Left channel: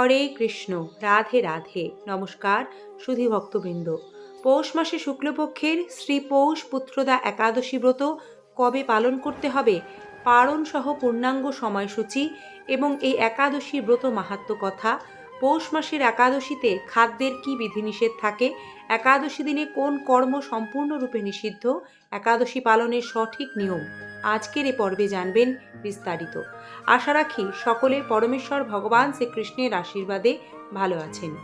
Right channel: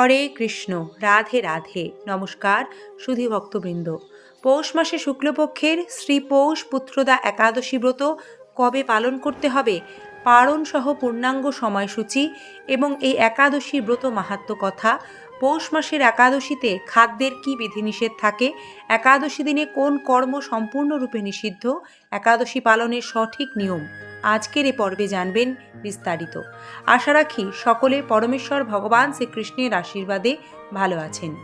হরে কৃষ্ণ, রাধে রাধে। নমস্কার সুধী ভক্তবৃন্দ। পৌষ মাসে শুক্লপক্ষের শ্রী পৌষ পুত্রদা একাদশী ব্রত কবে পালন করতে হবে? পারণ সহ পূর্ণাঙ্গ সময়সূচি এবং এই একাদশী ব্রত মাহাত্ম কথা। পৌষ মাসের একাদশীতে খাদ্যের কি বিধিনিষেধ থাকে? একাদশী দিনে কোন কর্ম সম্পূর্ণরূপে নিষিদ্ধ? একাদশী পালনের সঠিক নিয়ম? আজকের এ পর্বে জানবেন বিস্তারিত। আশা রাখি সকলে পরমেশ্বর, ভগবান শ্রীকৃষ্ণের আশীর্বাদে ভালো আছেন।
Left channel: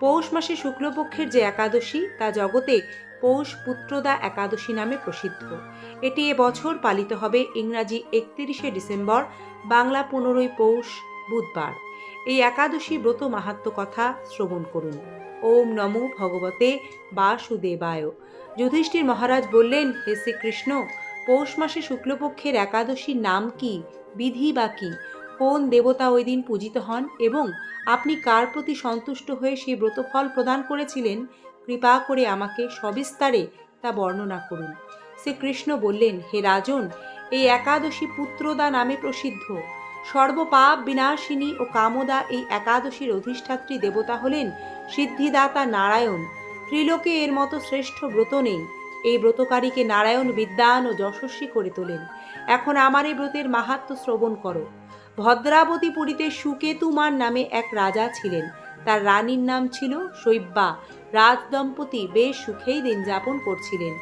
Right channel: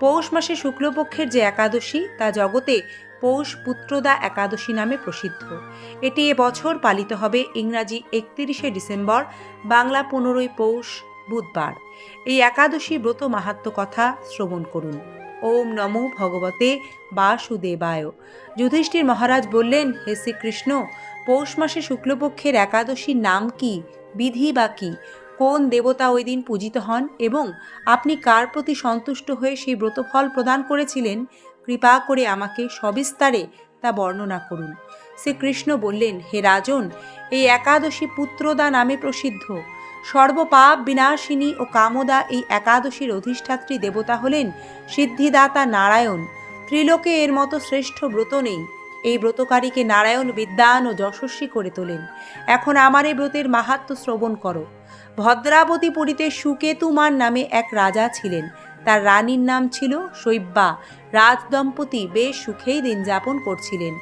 পৌষ মাসে শুক্লপক্ষের যে একাদশী, তা জগতে পৌষ পুত্রদা একাদশী নামে প্রসিদ্ধ। এটি এবছর পালিত হবে ইংরাজি একত্রিশে ডিসেম্বর, বাংলা পনেরোই পৌষ, বুধবার। এই একাদশী ব্রত মাহাত্ম কথা শ্রবণ করুন। ওম নমো ভগবতে বাসুদেবায়। যুধিষ্ঠির মহারাজ বললেন, হে শ্রীকৃষ্ণ, পৌষ মাসে শুক্লপক্ষের একাদশীর নাম কি? বিধি বা কি? কোন দেবতা ওই দিন পূজিত হন এবং আপনি কার প্রতি সন্তুষ্ট হয়ে সেই ব্রতফল প্রদান করেছিলেন? কৃপা করে আমাকে সবিস্তারে তা বর্ণনা করুন। শ্রীকৃষ্ণ বললেন, হে রাজন, এই একাদশী পুত্রদা নামে প্রসিদ্ধ। সর্বপাপ বিনাশিনী ও কামদা এই একাদশীর অধিষ্ঠাত্রী দেবতা হলেন সিদ্ধিদাতা নারায়ণ। ত্রিলোকে এর মতো শ্রেষ্ঠ ব্রত নেই। এই ব্রতকারীকে নারায়ণ, বিদ্যান ও যশস্বী করে তোলেন। এখন আমার এই ব্রতের মাহাত্ম শ্রবণ করো। ভদ্রাবতী পুরীতে সুকেতুমার নামে এক রাজা ছিলেন। তার রানীর নাম ছিল শৈব্যা। রাজদম্পতি বেশ সুখেই দিন যাপন করছিলেন।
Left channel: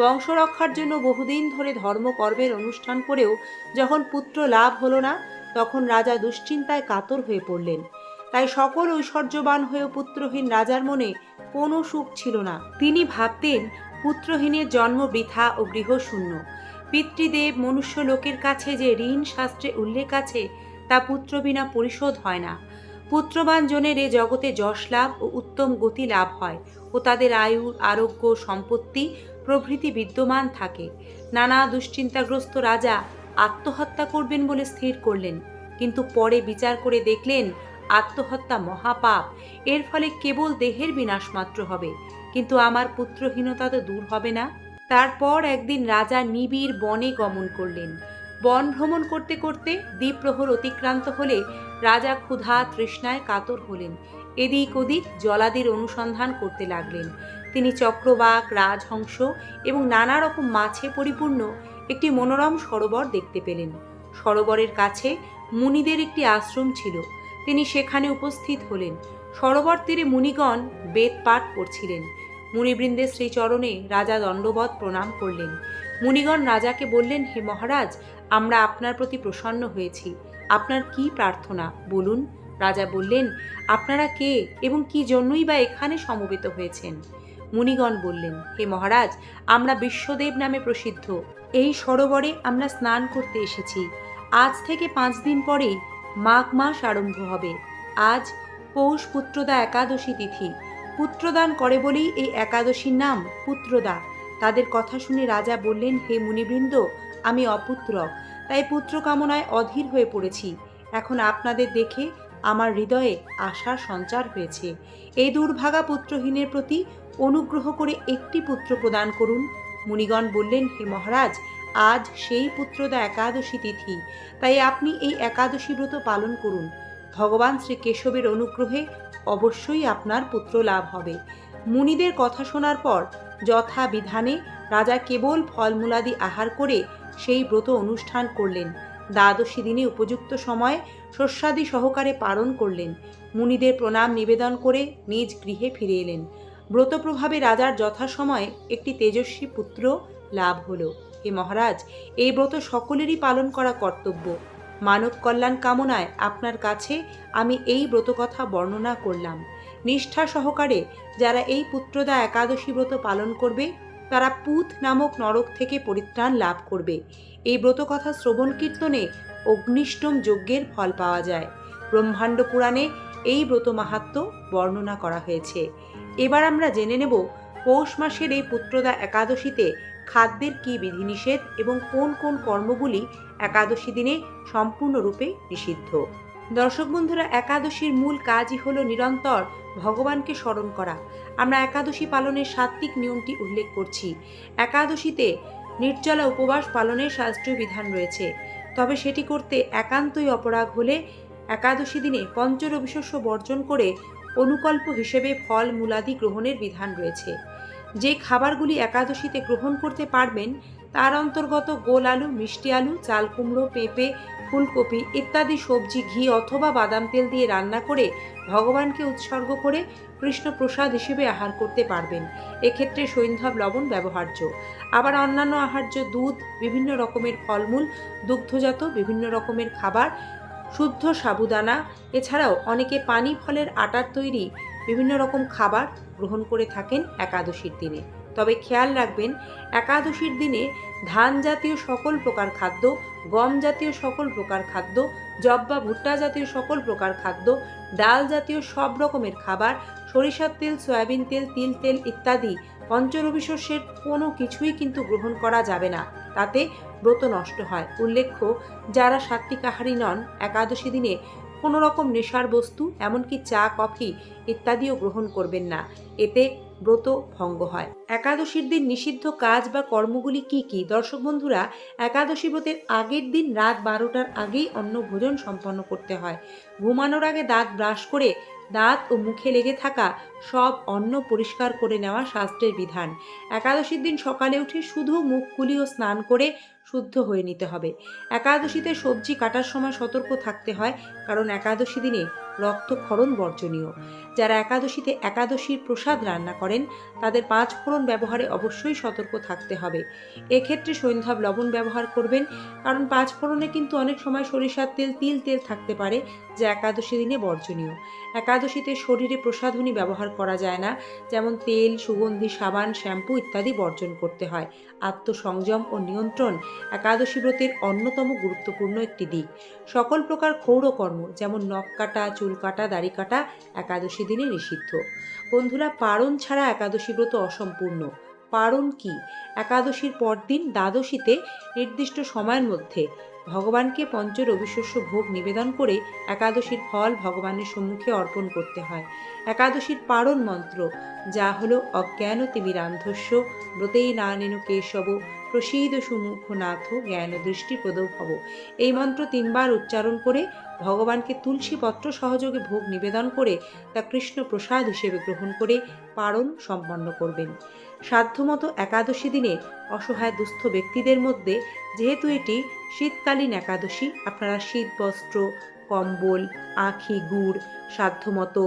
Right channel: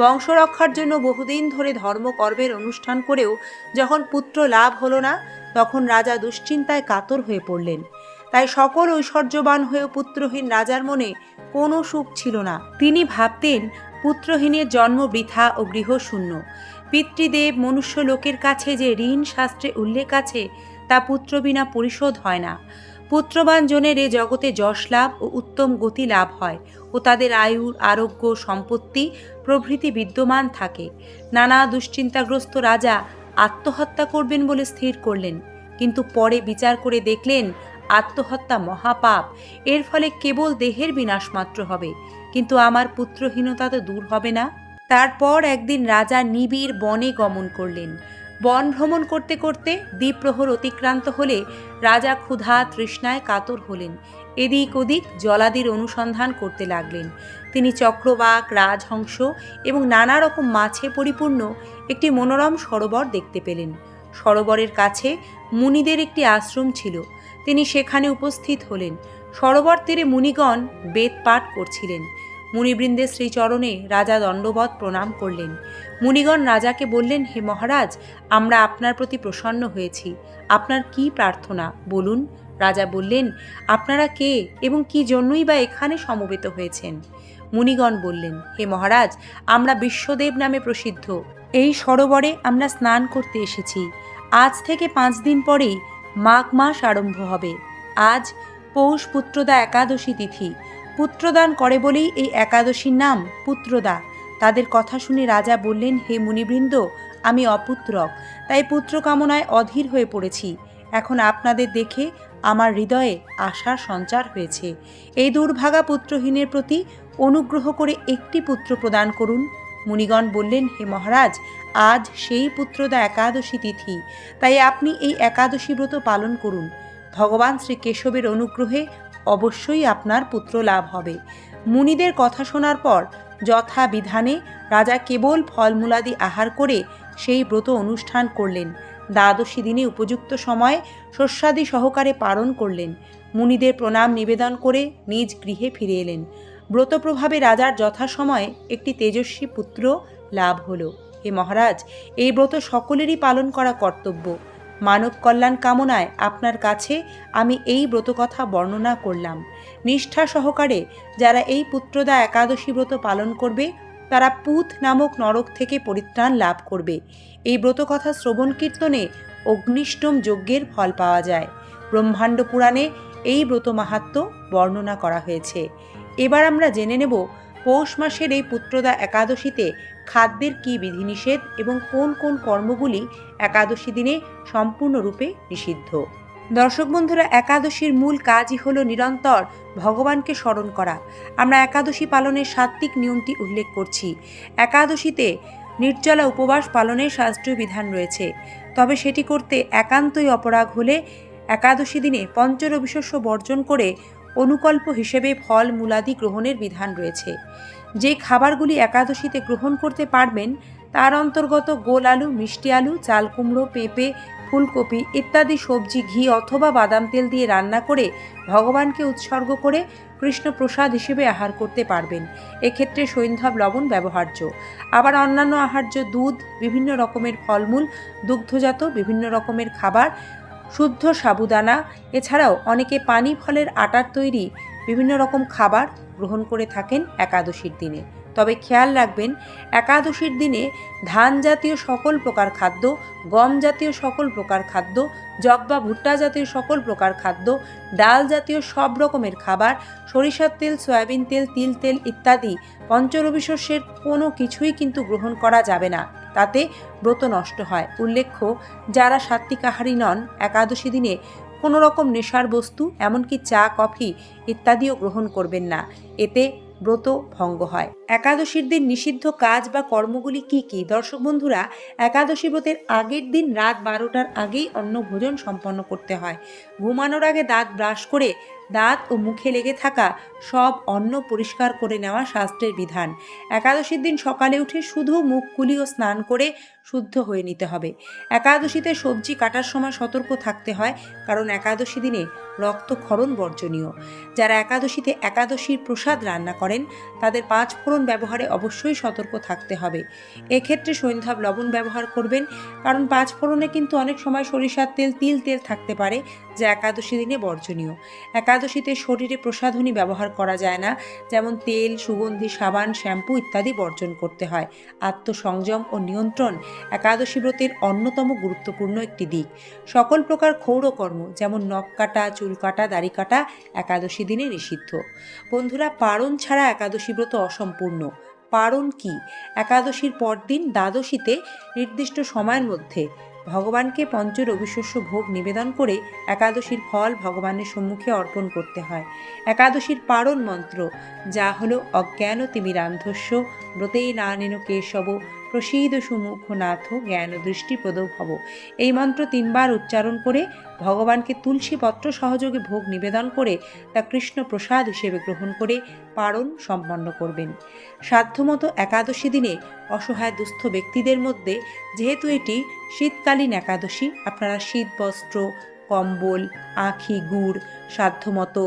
বংশরক্ষার জন্য বহুদিন ধরে ধর্মকর্মের অনুষ্ঠান করেও যখন পুত্র লাভ হলো না, তখন রাজা দুশ্চিন্তায় কাতর হয়ে পড়লেন। তাই সকল ঐশ্বর্যবান হয়েও পুত্রহীন রাজার মনে কোনো সুখ ছিল না। তিনি ভাবতেন পুত্রহীনের জন্ম বৃথা ও গৃহশূন্য। পিতৃদেব মনুষ্য লোকের কাছে যে ঋণ শাস্ত্রে উল্লেখ আছে, তা পুত্র বিনা পরিশোধ হয় না। পুত্রবান জনের এ জগতে যশ লাভ ও উত্তম গতি লাভ হয় ও তাদের আয়ু আরোগ্য সম্পত্তি প্রভৃতি বিদ্যমান থাকে। নানা দুশ্চিন্তাগ্রস্ত রাজা আত্মহত্যা করবেন বলে স্থির করলেন, কিন্তু পরে বিচার করে দেখলেন আত্মহত্যা মহাপাপ, এর ফলে কেবল দেহের বিনাশ মাত্র হবে। কিন্তু আমার পুত্রহীনতা তো দূর হবে না। তারপর একদিন রাজা নিবিড় বনে গমন করলেন। বন ভ্রমণ করতে করতে দ্বীপ্রহর অতিক্রান্ত হলে রাজা ক্ষুধা তৃষ্ণায় কাতর হলেন। এদিক ওদিক জলাদির অনুসন্ধান করতে লাগলেন। তিনি চক্রবাক, রাজহংস এবং নানা রকম মাছে পরিপূর্ণ একটি মনোরম সরোবর দেখতে পেলেন। সরোবরের কাছে মুনিদের একটি আশ্রম ছিল। তিনি সেখানে উপস্থিত হলেন। সরোবর তীরে মুনিগণ বেদ পাঠ করছিলেন। মুনিবৃন্দের শ্রীচরণে রাজা দণ্ডবধ প্রণাম করলেন। মুনিগণ রাজাকে বললেন, হে মহারাজ, আমরা আপনার প্রতি প্রসন্ন হয়েছি। আপনার কি প্রার্থনা? বলুন। রাজা বললেন, আপনারা কে এবং কি জন্যই বা এখানে সমবেত হয়েছেন? মুনিগণ বললেন, হে মহারাজ, আমরা বিশ্বদেব নামে প্রসিদ্ধ। এই সরোবরে আমরা স্নান করতে এসেছি। আজ থেকে পাঁচ দিন পরেই মাঘ মাস আরম্ভ হবে। আজ পৌষ পুত্রদা একাদশী তিথি। পুত্রদান করে বলেই এই একাদশীর নাম পুত্রদা। তাদের কথা শুনে রাজা বললেন, হে মুনিবৃন্দ, আমি অপুত্রক তাই পুত্র কামনায় অধীর হয়ে পড়েছি। এখন আপনাদের দেখে আমার হৃদয়ে আশার সঞ্চার হয়েছে। এই দুর্ভাগা পুত্রহীনের প্রতি অনুগ্রহ করে একটি পুত্র প্রদান করুন। মুনিগণ বললেন, হে মহারাজ আজ সেই পুত্রদা একাদশী তিথি, তাই আপনি এই একাদশী ব্রত পালন করুন। ভগবান শ্রী কেশবের অনুগ্রহে অবশ্যই আপনার পুত্র লাভ হবে। মুনিদের কথা শোনার পর যথা বিধানে রাজা কেবল ফলমূলাদি আহার করে সেই ব্রত অনুষ্ঠান করলেন। দ্বাদশী দিনে উপযুক্ত সময় শস্যাদি সহকারে পালন করলেন। মুনিদের প্রণাম নিবেদন করে নিজ গৃহে ফিরে এলেন। ব্রত প্রভাবে রাজার যথাসময়ে একটি তেজস্বী পুত্র লাভ হলো। হে মহারাজ, এই ব্রত সকলেরই পালন করা কর্তব্য। মানব কল্যাণ কামনায় আপনার কাছে আমি এই ব্রতকথা বর্ণনা করলাম। নিষ্ঠা সহকারে যারা এই পুত্রদা একাদশী ব্রত পালন করবে, তারা পুত নামক নরক থেকে পরিত্রাণ লাভ করবে। এই ব্রতকথা শ্রবণ কীর্তনে অগ্নিষ্টম যজ্ঞের ফল পাওয়া যায়। ব্রহ্মাণ্ড পুরাণে এই ব্রত মাহাত্ম বর্ণনা করা হয়েছে। এবার আমরা জেনে নেব পৌষ মাসের এই পুত্রদা একাদশীতে খাদ্যের কী বিধিনিষেধ এবং কোন কোন কর্মগুলি একাদশী দিনে সম্পূর্ণরূপে নিষিদ্ধ? দর্শক বন্ধুরা, একাদশীর মূল কাজই হলো নিরন্তর ভগবানকে স্মরণ করা। আমরা একাদশী পালনের সাত্ত্বিক নিয়মটি উল্লেখ করছি। একাদশীতে নির্জলা উপবাস পালনের শাস্ত্রীয় বিধান রয়েছে। তবে সেটি করতে একান্তই অপরাগ হলে একাদশী দিনে পঞ্চরবিশস্য বর্জন করে অনুকল্প হিসেবে ফল মূলাদি গ্রহণের বিধান রয়েছে। যে খাবারগুলি একাদশীতে গ্রহণ করতে পারবেন, তার অন্তর্গত গোল আলু, মিষ্টি আলু, চাল কুমড়ো, পেঁপে, ফুলকপি ইত্যাদি সবজি, ঘি অথবা বাদাম তেল দিয়ে রান্না করে ভগবানকে উৎসর্গ করে কৃষ্ণ প্রসাদ হিসেবে আহার করতে পারবেন। এক্ষেত্রে সৈন্ধব লবণ ব্যবহার্য। আবার অন্যান্য আহার্য দুধ, বিভিন্ন রকমের ফলমূল, দুগ্ধজাত বিভিন্ন রকমের খাবার শুদ্ধ সাবুদানা, এছাড়াও অনেকে পানি ফলের আটার তৈরি বিভিন্ন রকম খাবার গ্রহণ করে থাকেন একাদশীর দিনে। তবে খেয়াল রাখবেন, একাদশীর দিনে ধান জাতীয় সকল প্রকার খাদ্য, গম জাতীয় সকল প্রকার খাদ্য জব বা ভুট্টা জাতীয় সকল প্রকার খাদ্য, ডাল জাতীয় সব রকমের খাবার, সরিষার তেল, সয়াবিন তেল, তিল তেল ইত্যাদি পঞ্চরবি শস্যের কোনো কিছুই কিন্তু গ্রহণ করা যাবে না। তাতে ব্রত নষ্ট হয়। উল্লেখ্য, যারা সাত্বিক আহারী নন, একাদশী দিনে কোনো রকম নেশার বস্তু, এমনকি চা, কফি ইত্যাদিও গ্রহণ করবেন না। এতে ব্রত ভঙ্গ হয়। একাদশীর দিন নিষিদ্ধ কাজ বা কর্মগুলি কি কি? দর্শক বন্ধুরা, একাদশী ব্রতের আগের দিন রাত বারোটার আগেই অন্ন ভোজন সম্পন্ন করতে হয়। ঘুমানোর আগে দাঁত ব্রাশ করে দাঁত ও মুখে লেগে থাকা সব অন্ন পরিষ্কার করে নেওয়া শাস্ত্রের বিধান। একাদশীর দিন সকালে উঠে শুধু মুখ কুলি ও স্নান করে শুদ্ধ হয়ে নিতে হবে। একাদশীতে সবজি কাটার সময় সতর্ক থাকতে হয়, কারণ একাদশী দিনে রক্তক্ষরণ বর্জনীয়। যারা একাদশীতে একাদশীর প্রসাদ রান্না করেন, তাদের পাঁচ ফোড়ন ব্যবহারে অবশ্যই সতর্ক থাকতে হবে। এক্ষেত্রে সৈন্ধাব লবণ ব্যবহার করবেন, কারণ পাঁচ ফোড়নে কিন্তু অনেক সময় সরিষার তেল তিল তেল থাকতে পারে, যা একাদশী দিনে বর্জনীয়। একাদশীতে শরীরে প্রসাধনী ব্যবহার করা যায় না, যেমন তেল, সুগন্ধি, সাবান, শ্যাম্পু ইত্যাদি বর্জন করতে হয়। আত্মসংযম ও নিয়ন্ত্রণ একাদশী ব্রতের অন্যতম গুরুত্বপূর্ণ একটি দিক। সকল প্রকার ক্ষৌরকর্ম যেমন নখ কাটা, চুল কাটা, দাড়ি কাটা, একাদশী দিনে নিষিদ্ধ। বন্ধুরা, পারণ ছাড়া একাদশী ব্রত অসম্পূর্ণ। পারণ কি? একাদশীর পরদিন দ্বাদশীতে নির্দিষ্ট সময়ের মধ্যে ভগবানকে পঞ্চ রবিশস্য ভোগ নিবেদন করে একাদশীর ফল ভগবানের সম্মুখে অর্পণ করতে হয়। একাদশীর পারণ মন্ত্র, যা হলো অজ্ঞান তিমিরান্ধস্য ব্রতেই না নেন কেশব প্রসীদ সুমুখ নাথ জ্ঞান দৃষ্টি প্রদৌ ভব। এই মন্ত্র তিনবার উচ্চারণ করে ভগবানকে তুলসী পত্র সহযোগে ভোগ নিবেদন করে তা কৃষ্ণ প্রসাদ হিসেবে গ্রহণ করে পারণ সম্পন্ন করবেন। সাধ্যমতো একাদশী দিনে অসহায় দুস্থ ব্যক্তিদের মধ্যে যেহেতু এটি শীতকালীন একাদশী, আপনারা শীত, বস্ত্র, কম্বল, আখি, গুড়, সাধ্যমতো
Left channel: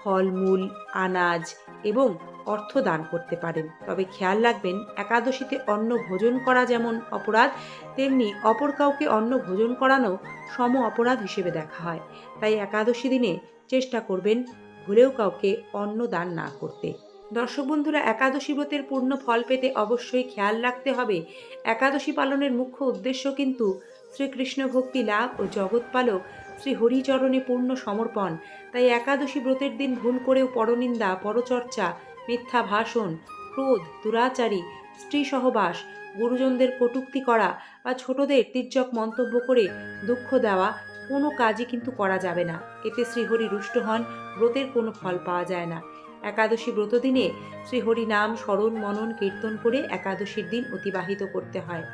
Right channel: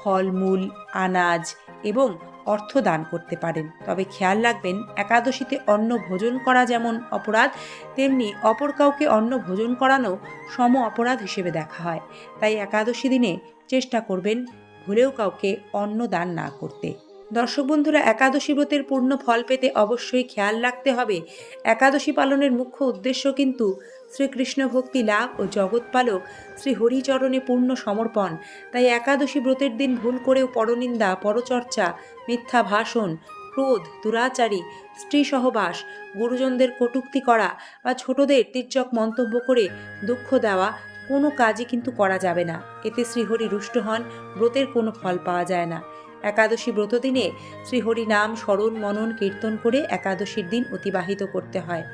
ফলমূল, আনাজ এবং অর্থ দান করতে পারেন। তবে খেয়াল রাখবেন, একাদশীতে অন্ন ভোজন করা যেমন অপরাধ, তেমনি অপর কাউকে অন্ন ভোজন করানো সম অপরাধ হিসেবে দেখা হয়। তাই একাদশী দিনে চেষ্টা করবেন ভুলেও কাউকে অন্ন দান না করতে। দর্শক বন্ধুরা, একাদশী ব্রতের পূর্ণ ফল পেতে অবশ্যই খেয়াল রাখতে হবে। একাদশী পালনের মুখ্য উদ্দেশ্য কিন্তু শ্রীকৃষ্ণ ভক্তি লাভ ও জগৎপালক শ্রী হরিচরণে পূর্ণ সমর্পণ। তাই একাদশী ব্রতের দিন ভুল করেও পরনিন্দা, পরচর্চা মিথ্যা ভাষণ, ক্রোধ, দুরাচারী স্ত্রী সহবাস গুরুজনদের কটুক্তি করা বা ছোটদের তির্যক মন্তব্য করে দুঃখ দেওয়া কোনো কাজই কিন্তু করা যাবে না। এতে শ্রীহরি রুষ্ট হন, ব্রতের কোনো ফল পাওয়া যায় না। একাদশী ব্রত দিনে শ্রীহরি নাম, স্মরণ, মনন, কীর্তন করে একাদশীর দিন অতিবাহিত করতে হয়।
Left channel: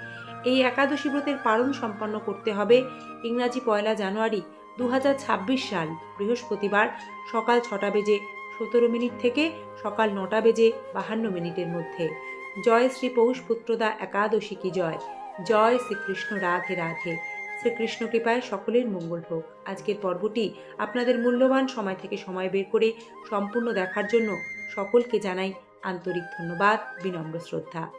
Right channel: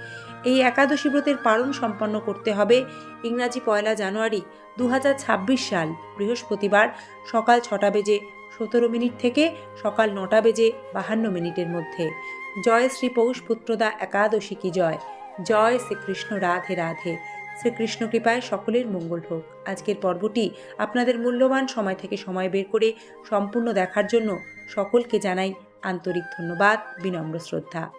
এই একাদশী ব্রতের পালন সম্পন্ন করতে হবে ইংরাজি পয়লা জানুয়ারি দু হাজার ছাব্বিশ সাল, বৃহস্পতিবার সকাল ছটা বেজে সতেরো মিনিট থেকে সকাল নটা বেজে বাহান্ন মিনিটের মধ্যে। জয় শ্রী পৌষ পুত্রদা একাদশী কি জয়? জয় শ্রীকৃষ্ণ রাধে রাধে। শ্রীকৃষ্ণ কৃপায় সকলের মঙ্গল হোক। আজকের পর্বটি আপনাদের মূল্যবান সময় থেকে সময় বের করে সম্পূর্ণ দেখার জন্য সকলকে জানাই আন্তরিক ধন্যবাদ, বিনম্র শ্রদ্ধা।